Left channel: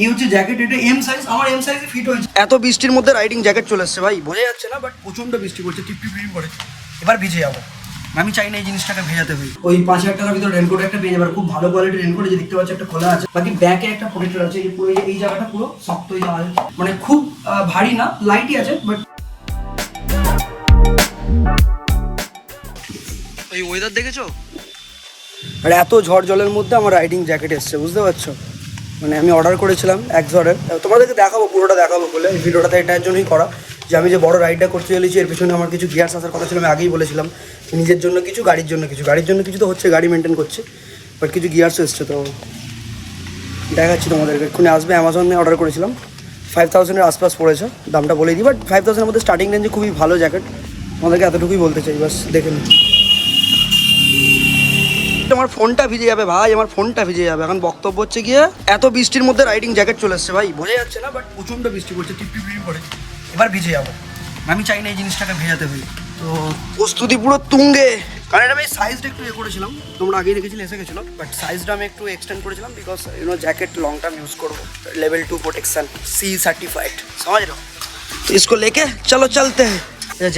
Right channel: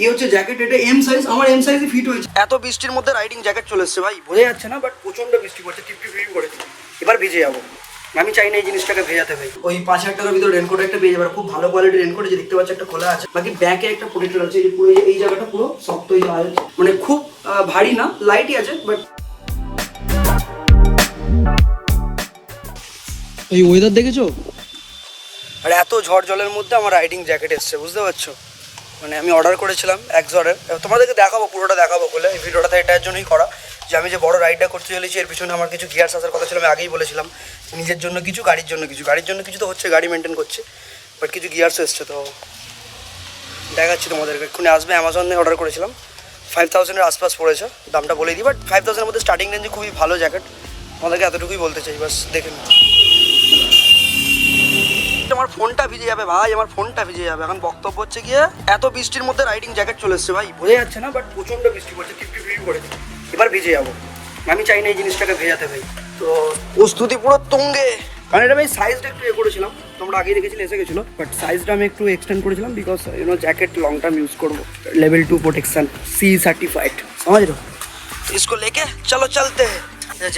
এই হচ্ছে জ্যাকেট, এটা এম সাইজ, আমার এম সাইজে ফিট হয়েছে। এত বৃষ্টির মধ্যে রাইডিং জ্যাকেট চলে এসছে ভাই, বোঝা যাচ্ছে না, বাট প্রচন্ড বৃষ্টি পড়ছে, টিপ টিপ করে। এবার ভিজে যাবো, আমি চাই না এই জিনিসটাকে ভেজাতে ভাই। ওই 5,000 টাকার ভিতরে রেনকোট একটা পেয়ে যাবার, খুব ভালো কোয়ালিটির রেনকোট, যে দেখতে পাচ্ছি একটা খোলা আছে, বাকি ব্যাকে একটা প্রোটেক্টর আছে, পুরো এই জায়গাটা পুরো শক্ত, এই জায়গা মানে খুব ভারী না, লাইটই আছে বাট। ওই ওয়েদার দেখেছো, আর এত ঝড় জলের মধ্যে আমার রাইডিং জ্যাকেট এসছে, বুঝতে পারছো? মানে আমি অর্ডার করেছিলাম একজনের, তোমাদেরকে দেখাবো, পুরোটা দেখাবো বলে এই ভিডিওটা এটার জন্যই করা, যে আমি যে বড় রাইডটা করতে চলেছি এর পিছনে আমার কিছু গিয়ার্স আসার কথা ছিল। আমি আগেই বলেছিলাম নিজের জন্য কিছু, গাড়ির জন্য কিছু। গাড়ির জন্য কিছু তো হচ্ছে, গাড়ি মেনটেন করছে, বাট কিছু গিয়ার্সও এসছে, তো দেখাচ্ছি তোমাদেরকে। এক্ষুনি আসবে, অ্যামাজনে অর্ডার করেছিলাম, 5,000-এর আশপাশ পড়েছে, দামটা বলে দিই, বাট 5,000-এর মধ্যে স্টার্টিং রেঞ্জে খুবই ভালো জ্যাকেট, তোমাদেরকে এতটুকুই বলতে চাই, বাস দেখে নিন। আমার ফোনটা ভিজে যাবে ভাই, আমার ফোনটা ভিজে যাবে। এখন বক্তব্য হচ্ছে গিয়ে, এত বৃষ্টির মধ্যে রাইডিং জ্যাকেট চলে এসছে ভাই, বোঝা যাচ্ছে না, বাট প্রচন্ড বৃষ্টি পড়ছে, টিপ টিপ করে। এবার ভিজে যাবো, আমি চাই না এই জিনিসটাকে ভেজাতে ভাই। তো প্রস্তুতি পুরো তুঙ্গে, কারণ এটা আমি সাইজটা একটু করেছিলাম, তোমরা আগেই দেখেছিলে, এসে গেছিলো, বাট সাইজটা আমি একটু এক্সটেন্ড করেছিলাম, because jacket long term use করবো, लेवल 2 प्रोटेक्शन C सर्टिफाइड, समझ लो। इसको लेके चलो चलते हैं।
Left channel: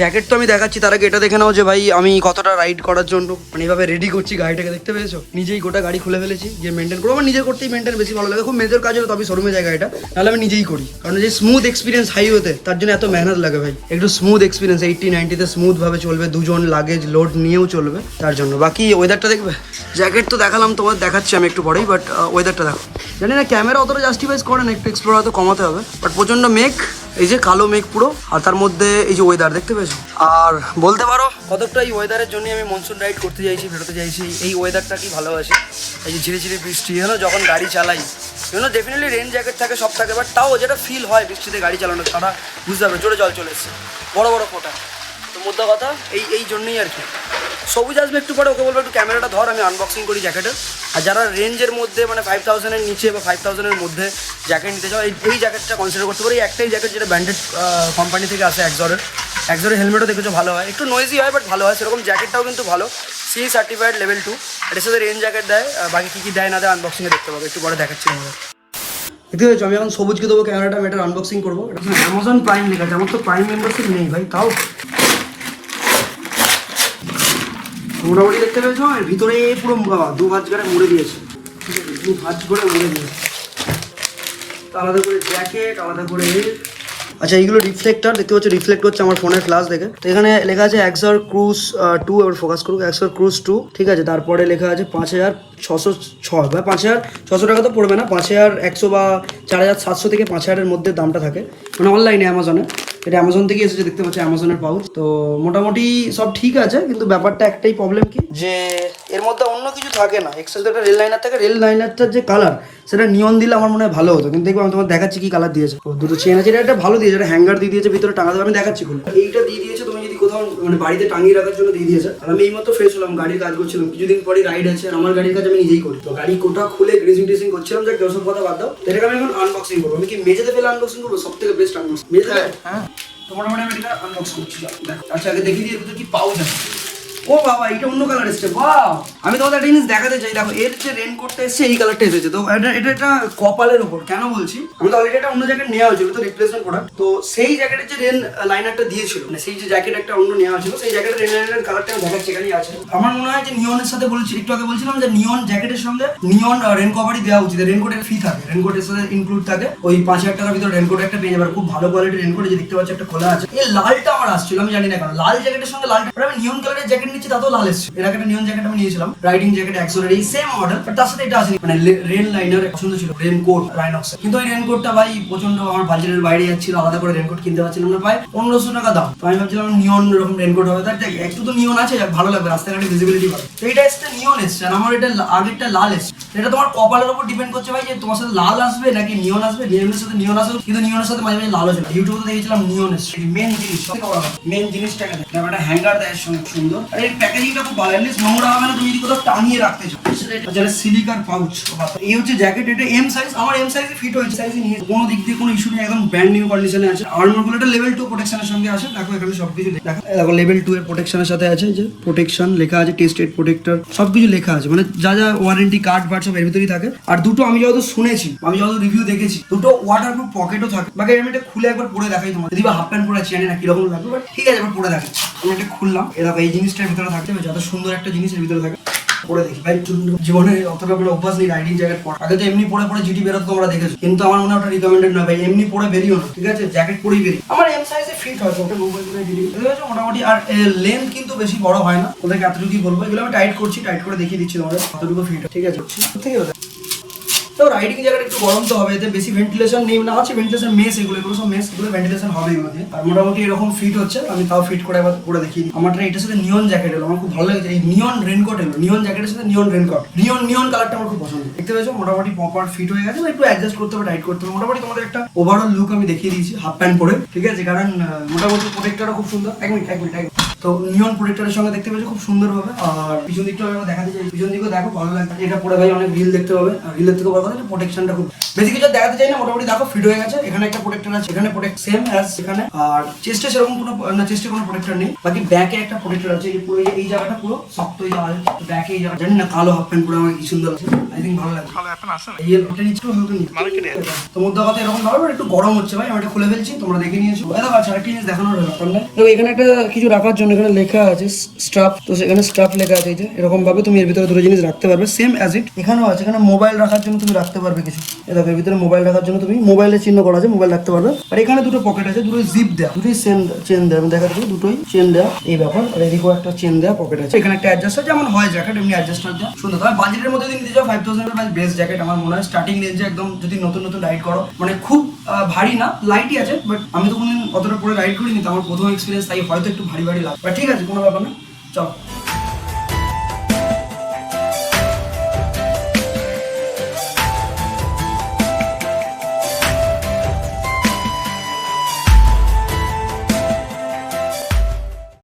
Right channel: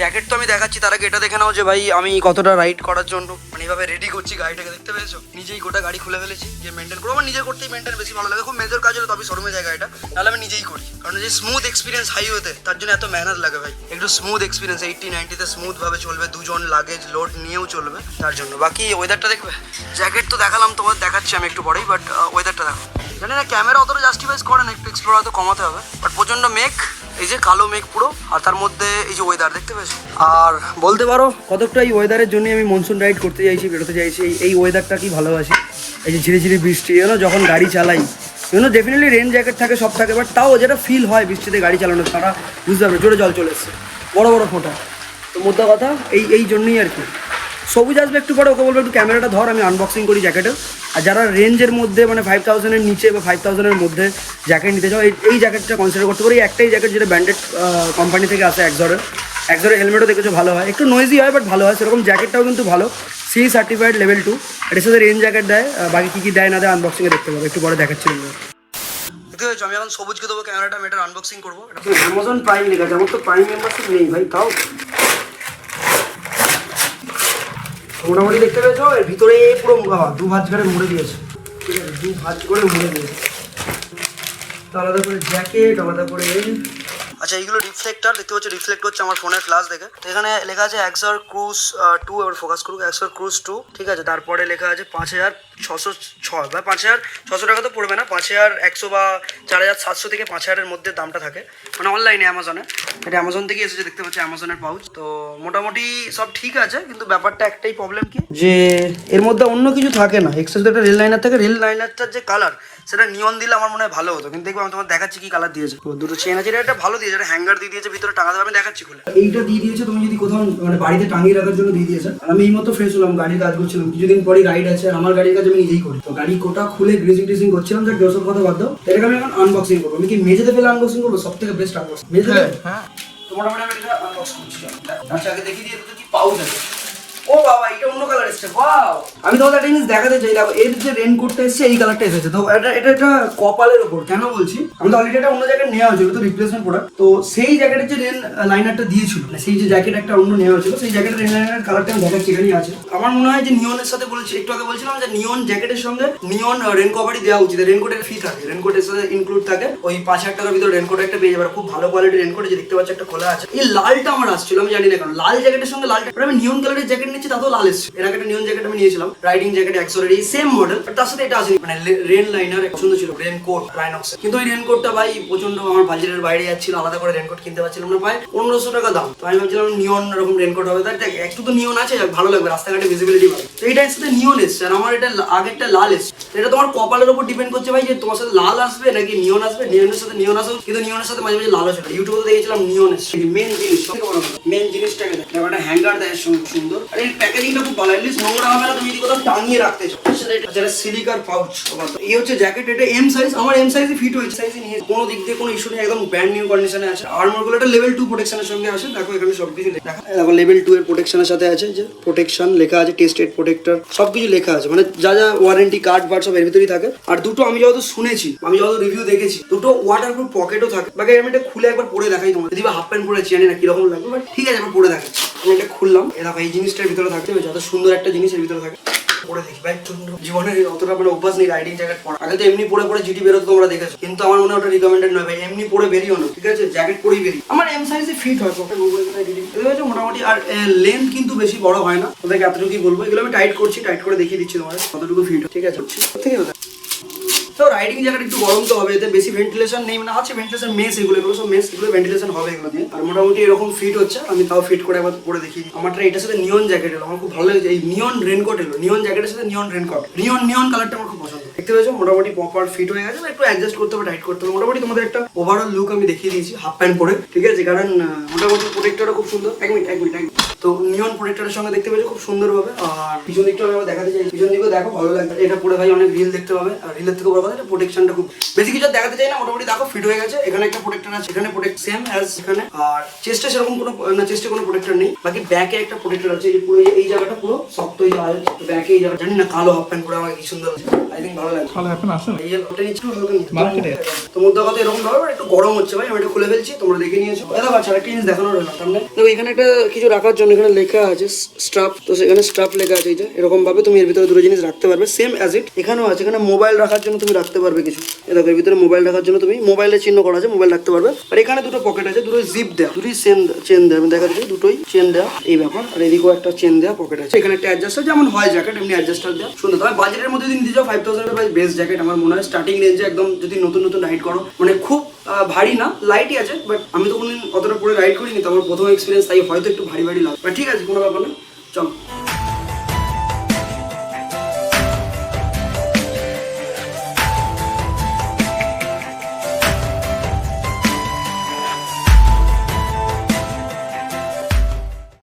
জ্যাকেট তো আমি দেখাচ্ছি, তার আগে এটা দেখে নাও যে ভাই আমি কতটা রাইড করার জন্য মানে এইভাবে রেডি করছি গাড়িটাকে, দেখতে পেয়েছো? নিজেই গোটা গাড়ি খুলে ফেলেছি, যে মেনটেন করবো, আমার নিজের করতেই মেনটেন বেশি ভালো লাগে। খুব মেজর কাজ হলে তবে শোরুমে যায় গাড়িটা, নাহলে আমি নিজেই করি, কারণ যে স্মুথ এক্সপিরিয়েন্স হাইওয়েতে, তার জন্য এত মেহনত লাগে ভাই। একটু স্মুথ এক্সপিরিয়েন্স 80-90-তে স্মুথ ভাবে চলবে, দুজন লাগেজ লোড নিয়েও চলবে, তার জন্য। বাকি ওয়েদারটা দেখবে, জ্যাকেট তো দেখালাম, তোমার দেখাচ্ছি আমি একটু পরেই, বাট ওয়েদারটা দেখো। জানি না ক্যামেরা অতটা জাস্টিফাইজ করে না, একটু এক্সপ্লোর হয়তো কমাতে হবে, বাট প্রচন্ড মেঘ, এই যে কালো মেঘ পুরো, আর তার মধ্যে এই যে ওয়েদার দেখতে পেয়েছো। আর বলতে পারো কতটা এই ওয়েদারের জন্য আমি মনসুন রাইড করতে চাইছি, বেরোতে চাইছি, এই ওয়েদারটা কি ভালোবাসি। এই যে ঝিরিঝিরি বৃষ্টি, যখন গাড়ি চালাই, ডেফিনেটলি রেন জ্যাকেট থাকে, সব থাকে, বাট তাও যেটা ফিল হয় বৃষ্টিতে গাড়ি চালানো, তারা বুঝতে পারবে, জোরে জল চলে এসছে, বড় বড় ফোঁটা। তো মোদ্দা কথা এই জন্যই আর কি। সবুজ আসবে একটু পরে, ওকে বলবো একটু ক্যামেরাটা ধর, আমি আনবক্সিং করি জ্যাকেটের। আর যারা রেঞ্জের মধ্যে মানে 5,000-এর নিচে বা 5,000-এর মধ্যে জ্যাকেট নিতে চাও, এই জ্যাকেটটা কনসিডার করতে পারি। একটাই জ্যাকেট যেটা ব্র্যান্ডেড কোম্পানি থেকে আসে, একজরের হেলমেটও দেখেছো ভালো হয়, একটু নয়েজি হয় বাট ভালো হয়, সেরকম জ্যাকেটটাও কিন্তু ভালো, C সার্টিফাইড level 2। এটার সাথে রেঞ্জ জ্যাকেট দেয়, বাকি কী কী দেয় না দেয় আনবক্সিংয়ে দেখতে পাবো, একটু পরে দেখাচ্ছি। দেখতে পেয়েছো, আমি এখন সবুজকে দেবো ক্যামেরাটা, আমি এটার আনবক্সিং করবো। এটা অ্যামাজন প্রাইম লেখা আছে, আমার তো প্রাইম মেম্বারশিপ নেই ভাই, তাও মোটামুটি দেখতে পেয়েছো, এর ভিতরে পুরো দু ভাঁজ করে মুড়ে দিয়েছে, ঠিক আছে, দু ভাঁজ করে মুড়ে দিয়েছে। আলাদা করে জ্যাকেট, আলাদা করে আচ্ছা এইগুলো রিফ্লেক্টার, দেখতে পাচ্ছ রিফ্লেক্ট হচ্ছে আমার ফোনের ফ্ল্যাশ দেখে। তো এখানে লেখা আছে এক্সর ক্রুজ 2, এবার ফোকাস করুক, এক্সর ক্রুজ 2, ঠিক আছে। তারপরে লেখা আছে 5,606 বা 5,600 টাকা তো পড়বে না, 5,100 বা 4,700 থেকে 5,000-এর মধ্যে দামটা থাকে, মানে অনলাইনে অ্যামাজনে। এটা অ্যামাজন থেকে এসেছে, দেখতে পাচ্ছি অ্যামাজনের পাউচ। তো মোটামুটি সব ঠিক আছে, কিন্তু ব্যাপারটা একটাই প্রবলেম কি, যে এর মধ্যে অন্য কিছু থাকে না, এক্সট্রা যদি একটা রেল লাইনার থাকে, রেল লাইনারটার যে কালার, সেটা নিয়ন দিলে আমার মনে হয় ভালো হতো, কিন্তু দেখবো আমি তোমার দেখাচ্ছি কি কালার দিয়েছে। দুটো চেন আছে, এটা একটা ভালো দিয়েছে, এটা হ্যাঙ্গার দিয়ে দিয়েছে, ভিতরে টাঙাতে আমি দেখাচ্ছি খুলে। এইটা দিয়ে দিয়েছে, তুমি যদি কোথাও মানে বাড়িতে টাঙিয়ে রাখার জন্য দিয়ে দিয়েছে। আর আমি এই মতো ফ্রেশ হলাম, গাড়ির কাজ করছিলাম, কিছুদিন পরে রাইড আছে, আমার গাড়ির কাজ আমি নিজেই করি, তো গাড়ি কোটা খুলে গ্রিজিং টিজিং করছিলাম, যে কেউ সব কথা বাদ দাও, এটাকে আমি এখন আনবক্সিং করবো। আমি কি মেঝেতে ফেলে আনবক্সিং করবো, সব থেকে বেস্ট আনবক্সিং মেঝেতে। হ্যাঁ, তো মোটামুটি আমি এটা আনবক্স করছিলাম। আচ্ছা আগে দেখি দিয়ে কি পাউচ আছে। ও বাবা, এটা অন্য কালার এসছে, ওয়াও! আমি তোমাদের একটা জিনিস দেখাতে চাই, দেখো এর যে রেনকোটটা এসছে এই কালারটা এসেছে। তো এটা কপালের ওপর, কেন বলছি, আমি তো অলরেডি একটা অন্য জ্যাকেট নেওয়া হয়েছিল, তো রিপ্লেসমেন্ট প্রোডাক্ট, তো সেই জ্যাকেটের যে রেন লাইনারটা দিয়েছিল, মানে সেই যে জ্যাকেট একটা অন্য নেওয়া হয়েছিল, সেই জ্যাকেটের রেন লাইনারের কালারটা আমি দেখাচ্ছি, এখানেই আছে। আমার মনে হয় যে নিয়নের সাথে বলছি, একটু আগে বলছিলাম যে নিয়ন জ্যাকেটের সঙ্গে নিয়ন রেন কভারই দেওয়া উচিত, রেনকোটের ফি থাকে, রেনকোটের সাথে ইনক্লুড থাকে। ওই 5,000 টাকার ভিতরে রেনকোট একটা পেয়ে যাবে, খুব ভালো কোয়ালিটির রেনকোট, যে দেখতে পাচ্ছি একটা খোলা আছে। এই লালটা আমার আসছিল, আমি জানি না কেন লাল জ্যাকেটের সঙ্গে লালটা, আমি নিয়ন কালারের জ্যাকেট নিচ্ছি, তাতেও লাল এসছে। এর আগে একটা নিয়ন জ্যাকেট আমি নিয়েছিলাম, রাইডিং জ্যাকেট এক্সোরের এই সেম মডেল, বাট তার সাথে এটা আসেনি, মানে রেন লাইনার পছন্দ ছিল, রেনকোট রাইনক্স, কিন্তু ওই রেনকোটটা ভাই প্রচন্ড আমার বাজেটের বাইরে যাচ্ছিল, আলাদা করে রেনকোট কিনতে পারছিলাম না, প্রায় 1,500 টাকা দাম। তো আমি ভাবছিলাম নিয়ন এরকম রেনকোট হবে, তাই একটু তো নিয়ন আছে, ভালো লাগবে, রাস্তাঘাটে ভিজিবিলিটি পাবে। তো এটা এসে নিয়ন এসছে, আর আমার এটা আগেরটা লাল এসছে। এটা তোমার কপালের উপর ডিপেন্ড করছে ভাই, যে তোমার সাথে লাল আসবে নাকি নিয়ন আসবে। নিয়নের সাথে নিয়ন আসবে, কিন্তু নিয়নের সাথে মাঝে মাঝে লাল ছিল, ইউটিউবে দেখেছিলাম নিয়ন এসছে। মেন জিনিস, মেন জিনিসটাকে দেখো, একটা হ্যাঙ্গার দেয় সুন্দর, আর এর প্যাকেজিংটা খুব ভালো, এমনি নোংরা হবে না, তুমি যদি কোথাও টাঙিয়ে রাখতে চাও। যারা সিলিকার পাউচ, এই হচ্ছে জ্যাকেট, এটা এম সাইজ, আমার এম সাইজে ফিট হয়েছে, সাইজে নিয়ে কোনো দিক দিয়ে কোনো ইস্যু নেই, একদম ব্র্যান্ড নিউ কন্ডিশনে আছে। আর্মর গুলো এটা লেভেল 2 প্রোটেকশনের সঙ্গে আসে, দেখো এখানে সবকিছু লেখা, দেখো লেভেল 2 এর প্রোটেকশনের সাথে আছে, যে প্রোটেকশন লেখা আছে, টেস্টেড প্রোটেক্টর, সবকিছু লেখা আছে, মানে যা যা ওয়ারেন্টি কার্ড বার্ড সব এর ভিতরেই থাকে। আর দুটো আমি যত শুনেছি, আমি যত রিভিউ দেখেছি, দুটো ওয়াটারপ্রুফ পকেটও থাকে। বাকি আমি এটা খুলে একবার পরে দেখাই তোমার, যদি বা হাফ প্যান্ট পরেছি জানি না কিরকম লাগবে, বাট ঠিক আছে একবার পরে দেখাচ্ছি। আমি এটা খুললাম, এরকম এই জিনিসটার ভিতরে থাকতে হবে, যত সুন্দর একটা জিনিসের ভিতরে থাকে। পরে দেখি ভাই, জীবনে অতটা করে অভ্যাস নেই রাইডিং জ্যাকেট পরা। আগে তো এমনি পরে পরে জিটি বেরোতো, তোমরা দেখেছো, কিন্তু আমার মনে হয় ওটা রিকমেন্ডেড নয় ভাই, এমনি পরে বেরিও না, ঠিক আছে, জ্যাকেট পরেই বেরিয়ে। আমার এম সাইজে ফিট হয়, ওটা মোটামুটি। আর লেন্থ কিন্তু বেশি বড় হয় না, ওদেরকে এতটুকুই বলবো। এগুলো আমি টাইট করছি, টাইট করে দেখিয়ে দিচ্ছি তোমাদের কতটুকু ফিট, ঠিক আছে। ঠিক আছে, তো রাইডিং জ্যাকেট একটু গরম তো হবে, এতে বেশি ভেন্টিলেশন নেই, না আছে ভেন্টিলেশন মেস, এগুলো সব মেস, এগুলো ভেন্টিলেশন হবে এগুলো দিয়ে। আর মোটামুটি এরকম ফিট হচ্ছে, আমি তাও ফিট করে একবার পরে দেখি। আমারটা এটার সাথে নিয়ন জ্যাকেট এলো, আমার খুব ভালো লাগে, এই নিয়ন রেনকোট এলো, নিয়ন জ্যাকেটের সাথে নিয়ন রেনকোট, নিয়ন কালারটা আমার খুব পছন্দ। দেখতে পেয়েছো মোটামুটি প্রপার ফিট হয়ে গেছে, একটু অ্যাডজাস্ট করতে হবে, টাইট করতে হবে। মোটামুটি তোমাদের একটা ওভারঅল লুক আমি দেখিয়ে দিয়েছি হাফ প্যান্ট পরে, ঠিক আছে, কারণ মোটামুটি প্রোটেক্টরটা খুব সুন্দর। এক মিনিট তো নিয়ন প্রোটেক্টরের সঙ্গে দেখতে পেয়েছো খুব সুন্দর ভাবে। আর পিছন দিকটা দেখাতে চাই, পিছন দিকেও দেখো ভালো লাগবে, এটা পরে ভাই অনেক রিল দেখতে পাবে। আর রিলের থেকে বড় কথা প্রোটেকশনটা খুব বেশি কিছু দেখাতে চাই না, মোটামুটি দেখো ফিট হয়ে গেছে। এখানে একটা প্রোটেক্টর আছে, এখানে প্রোটেক্ট সেম অ্যাজ এখানে। আর চেস্টে সেরকম কোনো না, চেস্টে কোনো প্রোটেক্টর নেই। বাকি ব্যাকে একটা প্রোটেক্টর আছে, এই পুরো এই জায়গাটা পুরো শক্ত, এই জায়গা ব্যাকে এই জায়গা, জানি না কালো হাফ প্যান্ট পরে আমার কি সুন্দর আছে, আই থিঙ্ক ভালো লাগে। কালো এখন আসে না, এই ওটা নিচে মার্কেটে তো মধ্যে কথা এরকম ভাবে একটু গরম হচ্ছে ভাই, আমি এটা খুলে ফেলছি, তোমরা দেখে নিয়েছো। দেখো আচ্ছা একটা জিনিস দেখানোর হলো সামনে, দেখো এখানে একটা কিছু রাখার জন্য এখানে লেখা আছে স্ট্রাপ, তো সেখানে স্ট্রাপ লেখা আছে, এই যে এরকম ভাবে তুমি এর ভিতরে দুটো জিনিস রাখতে পারবে, সেম অ্যাজ ইট এখানেও আছে। এখানে মোবাইল রাখার জন্য তুমি রাখতে পারবে কিছু, এই দেখো এর ভিতরে মোবাইল রাখার জন্য তুমি মোবাইলের চিহ্ন করা আছে, মোবাইল রাখতে পারবে। আর এখানে দুটো পকেট আছে, দুটোই জিপ দেওয়া, দুটোই চেন দেওয়া, আমি দেখা যাচ্ছে দুটোই চেন দেওয়া এই ব্যাপার। আর এদিকেও একটা চেন দেওয়া পকেট আছে, এখানে একটা অ্যাডজাস্টার, যেমন হয় জ্যাকেট এমনি অ্যাডজাস্টার দেওয়া সুন্দর। তবে বাজেটের মধ্যে যদি নিতে যাও 5000 এর বেস্ট জ্যাকেট আমার মনে হয়, স্টার্টিং রেঞ্জে একদম। যদি নতুন রাইড করো, মানে খুব ভারী না, লাইটই আছে, বাট আমি তো কোনোদিন অতটা পরে রাইড করিনি, তো আমার প্রথম এক্সপিরিয়েন্স, তাই হয়তো একটু ভারী লাগে, বাট ঠিক আছে কোনো ব্যাপার না, চলো।